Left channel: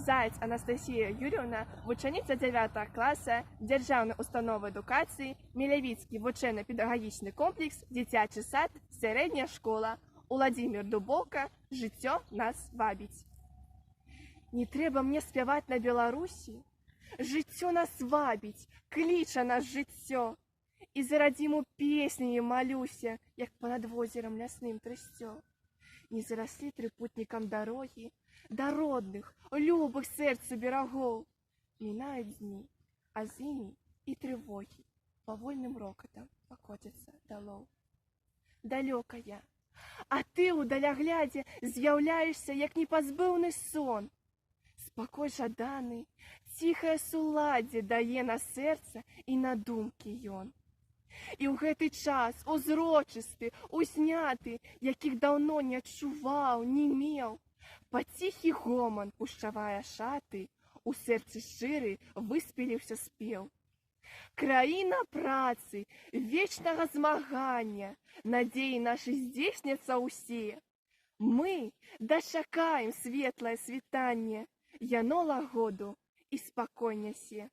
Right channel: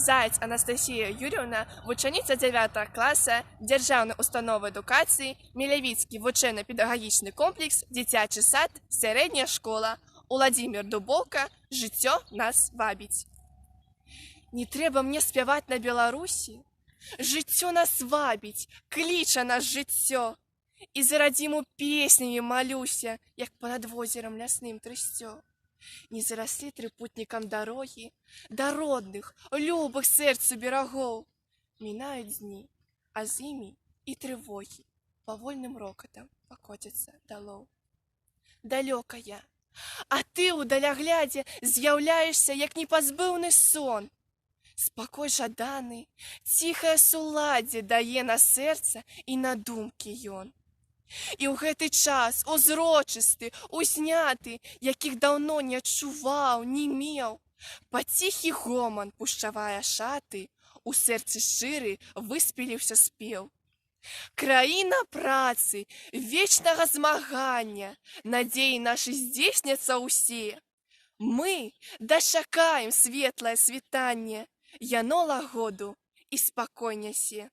Заяц Анастасія Юрівна, вучениця 9 класу Державної установи едукації, Мілявіцький вучебно-педагогічний комплекс, дитячий сад, середня школа, Уладзімір Дубовка, «Життя нас вабить». Не треба мне спяваць на Беларусі, жыццё нас вабіць, кліча нас жыццё. І за радзіму песнямі малюся, як понад возерам лясным трысцё. Не зараслі трыпутнікам дарогі, да родных, любых сэрцу берагоў. Мінаюць дні, а з імі і трывогі павольным рокатам пакоцяцца далоў. Далёка я, а ты ў даляглядзе з'яўляешся, як непазбыўны сон. Спакой жаданы, ціхае суладдзе дае на сэрца і на думкі ён. І ў гэты час узрочысты, узняты, якіх даўно не адчуваў, не меў, паціхі гоман пушчавае шаты, у сэрцы шчыры выспеліўся спеў. Краіна працы, вечнага змагання, надзеі нашы здзейсняцца ўсе. Мы дачакаем светлае світанне, яно лагоду і спакой нясе.